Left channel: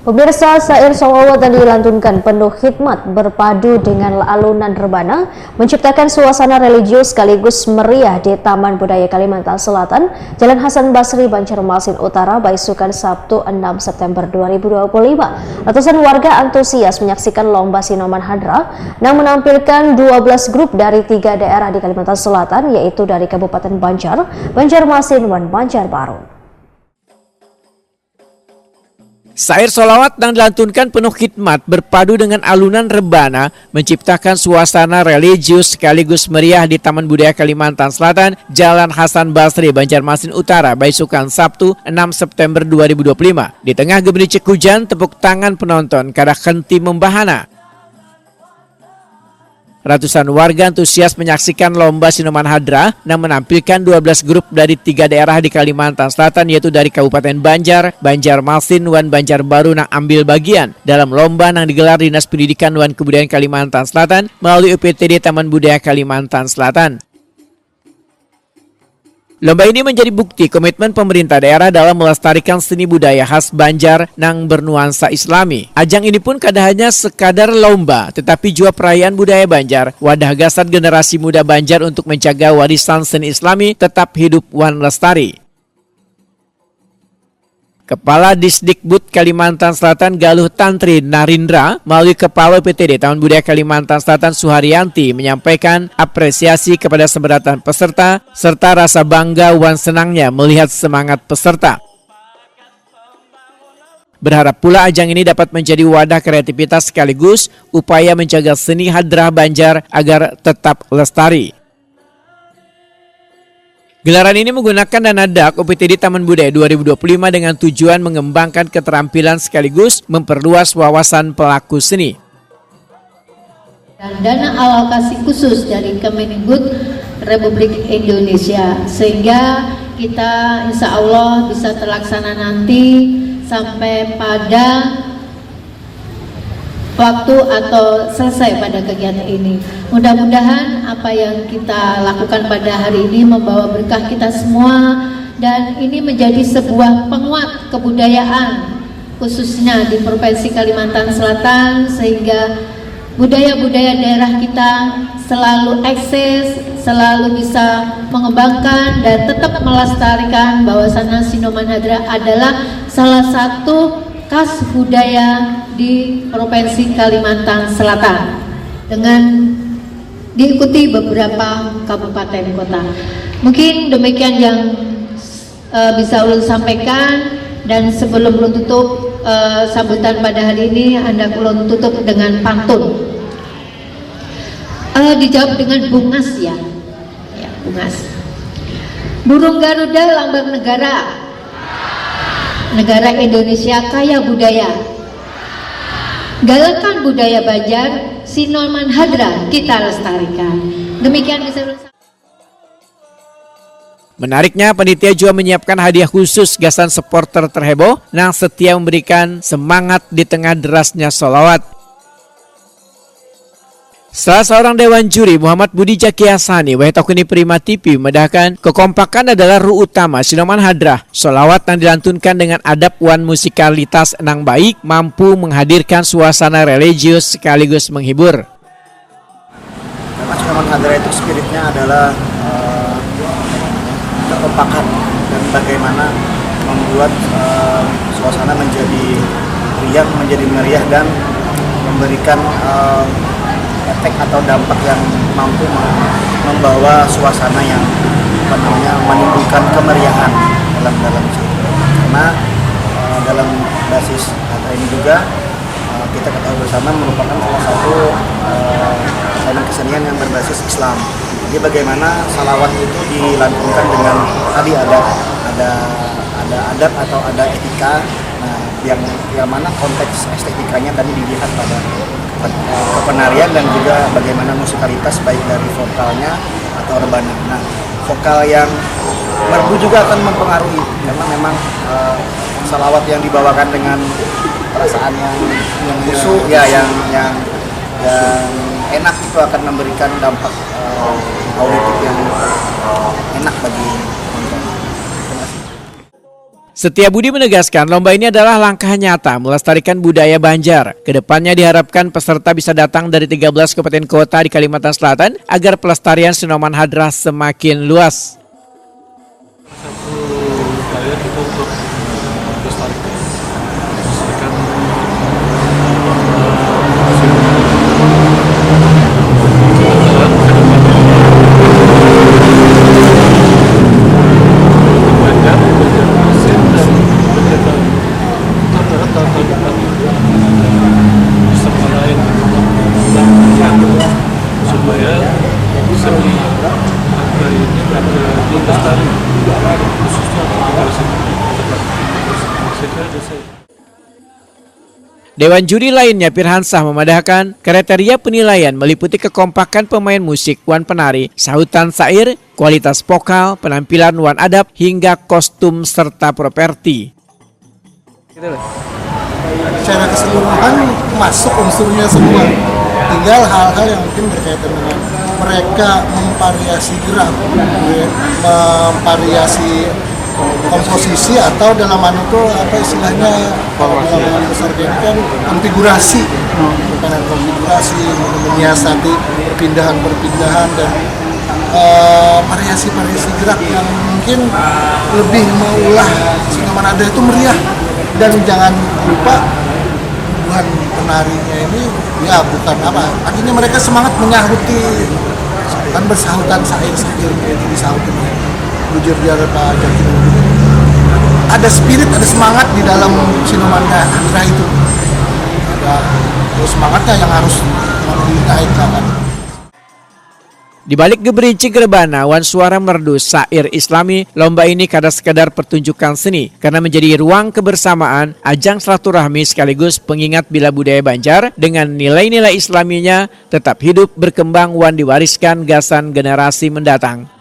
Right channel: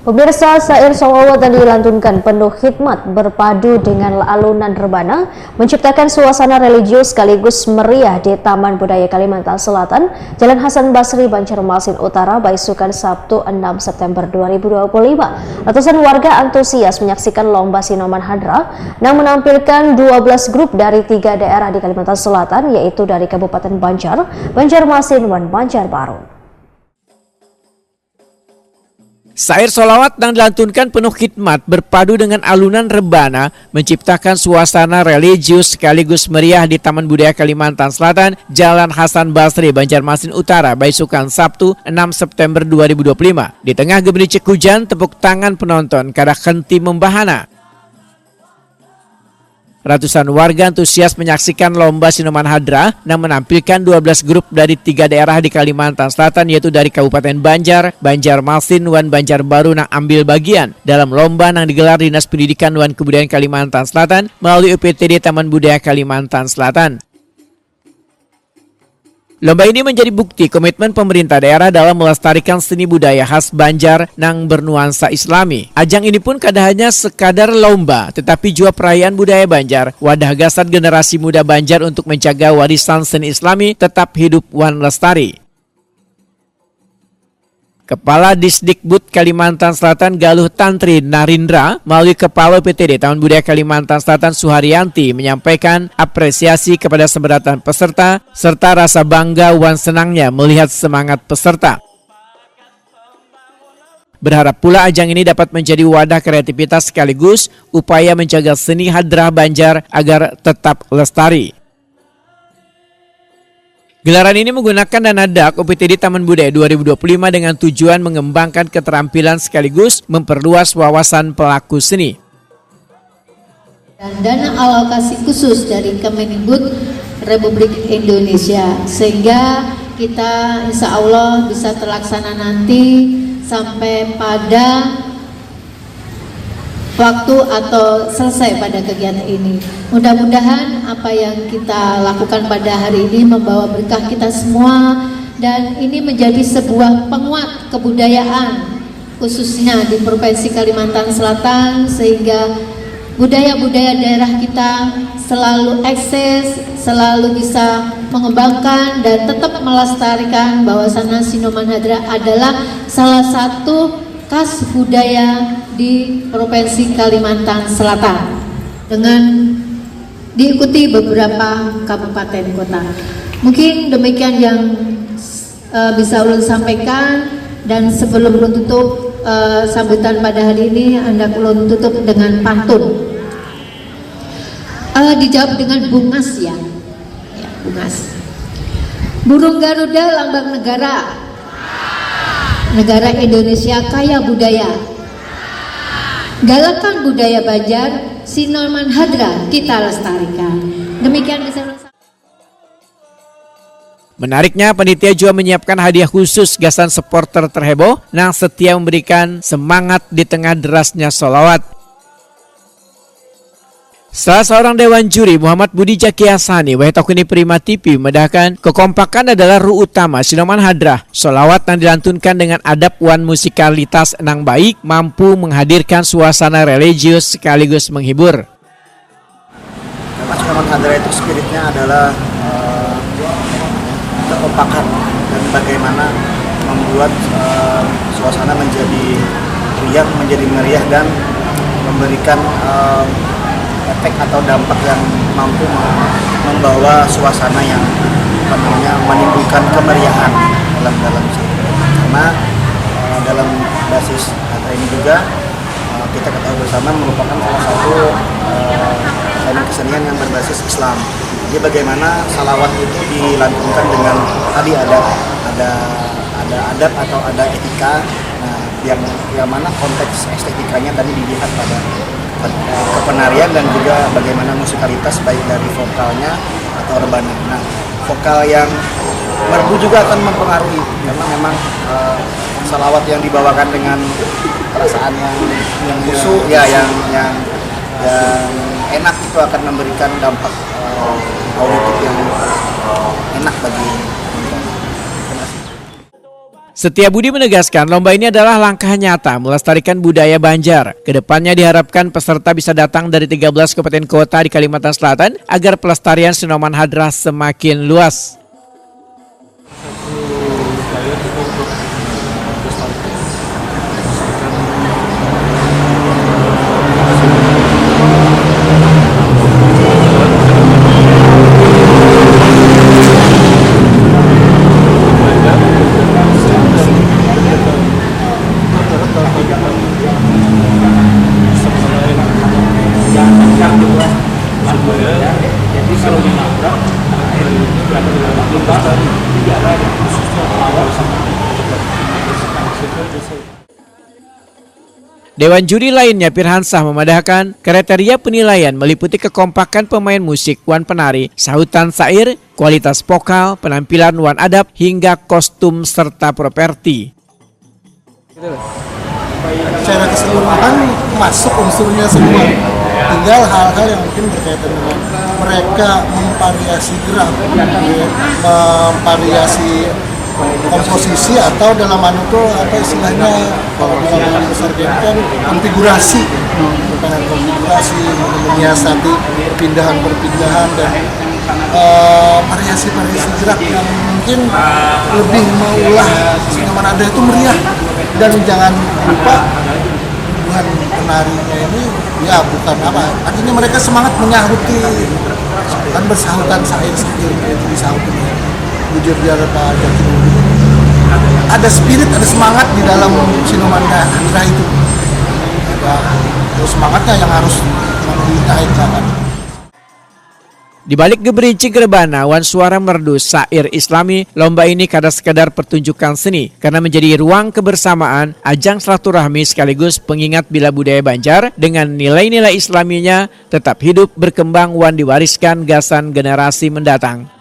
Pemirsa, syair sholawat yang dilantunkan penuh hikmat berpadu dengan alunan rebana menciptakan suasana religius sekaligus meriah di Taman Budaya Kalimantan Selatan, Jalan Hasan Basri, Banjarmasin Utara, Baisukan, Sabtu 6 September 2025. Ratusan warga antusias menyaksikan lomba Sinoman Hadra yang menampilkan 12 grup dari 3 daerah di Kalimantan Selatan, yaitu dari Kabupaten Banjar, Banjarmasin, dan Banjarbaru. Syair sholawat yang dilantunkan penuh khidmat berpadu dengan alunan rebana menciptakan suasana religius sekaligus meriah di Taman Budaya Kalimantan Selatan, Jalan Hasan Basri, Banjarmasin Utara, Baisukan, Sabtu 6 September 2025. Di tengah gemericik hujan, tepuk tangan penonton kada henti membahana. Ratusan warga antusias menyaksikan lomba Sinoman Hadra yang menampilkan 12 grup dari 3 daerah di Kalimantan Selatan, yaitu dari Kabupaten Banjar, Banjarmasin, dan Banjarbaru yang ambil bagian dalam lomba yang digelar Dinas Pendidikan dan Kebudayaan Kalimantan Selatan melalui UPTD Taman Budaya Kalimantan Selatan. Lomba ini menjadi bukti komitmen pemerintah daerah dalam melestarikan seni budaya khas Banjar yang bernuansa Islami. Ajang ini pun kada hanya sekadar lomba, tetapi juga perayaan budaya Banjar, wadah gasat generasi muda Banjar untuk menjaga warisan seni Islami tetap hidup wan lestari. Kepala Disdikbud Kalimantan Selatan Galuh Tantri Narindra melalui Kepala PTD Taman Budaya Kalimantan Selatan Suharyanti menyampaikan apresiasi kepada seberatan peserta serta rasa bangga wan senangnya melihat semangat peserta. Berharap pula ajang ini dapat menjadi wadah kreativitas sekaligus upaya menjaga seni hadrah Banjar agar tetap lestari. Gelaran ini menggunakan dana DAK UPTD Taman Budaya 2025 dengan tujuan mengembangkan keterampilan sekaligus memperluas wawasan pelaku seni. Dan dana alokasi khusus dari Kemendikbud Republik Indonesia, sehingga kita insya Allah bisa terlaksana nanti sampai pada waktu atau selesai pada kegiatan ini. Mudah-mudahan apa yang kita lakukan pada hari ini membawa berkah kita semua, dan ini menjadi sebuah penguat kebudayaan khususnya di Provinsi Kalimantan Selatan, sehingga budaya-budaya daerah kita selalu eksis, selalu bisa mengembangkan dan tetap melestarikan bahwasannya Sinoman Hadra adalah salah satu khas budaya di Provinsi Kalimantan Selatan dengan diikuti beberapa kabupaten kota. Mungkin demikian yang bisa ulun sampaikan, dan sebelum ulun tutup sambutan pada hari ini, hendak ulun tutup dengan pantun. Dijawab dengan bungas ya, bungas. Burung Garuda lambang negara. Negara Indonesia kaya budaya. Galakan budaya Banjar, Sinoman Hadra kita lestarikan. Demikian bisa. Menariknya, panitia juga menyiapkan hadiah khusus gasan supporter terheboh yang setia memberikan semangat di tengah derasnya sholawat. Salah seorang dewan juri, Muhammad Budi Jaki Hasani, Wahitokuni Prima TV, medahkan kekompakan adalah ruh utama Sinoman Hadra. Sholawat yang dilantunkan dengan adab wan musikalitas enang baik mampu menghadirkan suasana religius sekaligus menghibur. Karena Sinoman Hadra itu spiritnya adalah kekompakan dan bagaimana membuat suasana menjadi riang, menjadi meriah, dan memberikan efek atau dampak yang mampu membawa suasana yang menimbulkan kemeriahan dalam situ. Karena dalam basis kata ini juga kita ketahui bersama merupakan salah satu elemen kesenian yang berbasis Islam. Jadi bagaimana salawat itu dilantunkan dengan tadi ada adab atau ada etika. Nah, yang mana konteks estetikanya tadi dilihat pada kepenarian dan juga bagaimana musikalitas baik dari vokalnya atau rebana. Nah, vokal yang merdu juga akan mempengaruhi, karena memang salawat yang dibawakan dengan perasaan yang khusyuk ya, yang enak itu akan memberikan dampak auditif yang enak bagi Setia Budi menegaskan lomba ini adalah langkah nyata melestarikan budaya Banjar. Kedepannya diharapkan peserta bisa datang dari 13 kabupaten kota di Kalimantan Selatan agar pelestarian sinoman hadrah semakin luas. Satu upaya kita untuk melestarikan supaya seni apa ini dilestari khususnya Dewan juri lainnya Pirhansah memadahkan kriteria penilaian meliputi kekompakan pemain musik wan penari, sahutan syair, kualitas vokal, penampilan wan adab hingga kostum serta properti. Secara keseluruhan masuk unsurnya semua, tinggal hal-hal yang mungkin berkaitan dengan mereka memvariasi gerak, memvariasi komposisi atau dalam itu apa istilahnya kalau dalam besar ini kan konfigurasi, bukan konfigurasi, menyiasati perpindahan dan variasi-variasi gerak yang mungkin lebih mengulah sinoman ada itu meriah. Dan jangan lupa bukan penarinya ini ya bukan apa artinya mereka semangat menyahuti kan bersahutan syair itu disahutin bujur biar Pak Jaki ada spirit, ada semangat di dalam sinoman hadrah itu, ada semangatnya yang harus dinaikkan. Di balik geberincing rebana wan suara merdu syair Islami, lomba ini kada sekadar pertunjukan seni karena menjadi ruang kebersamaan, ajang silaturahmi sekaligus pengingat bila budaya Banjar dengan nilai-nilai Islaminya tetap hidup berkembang wan diwariskan gasan generasi mendatang.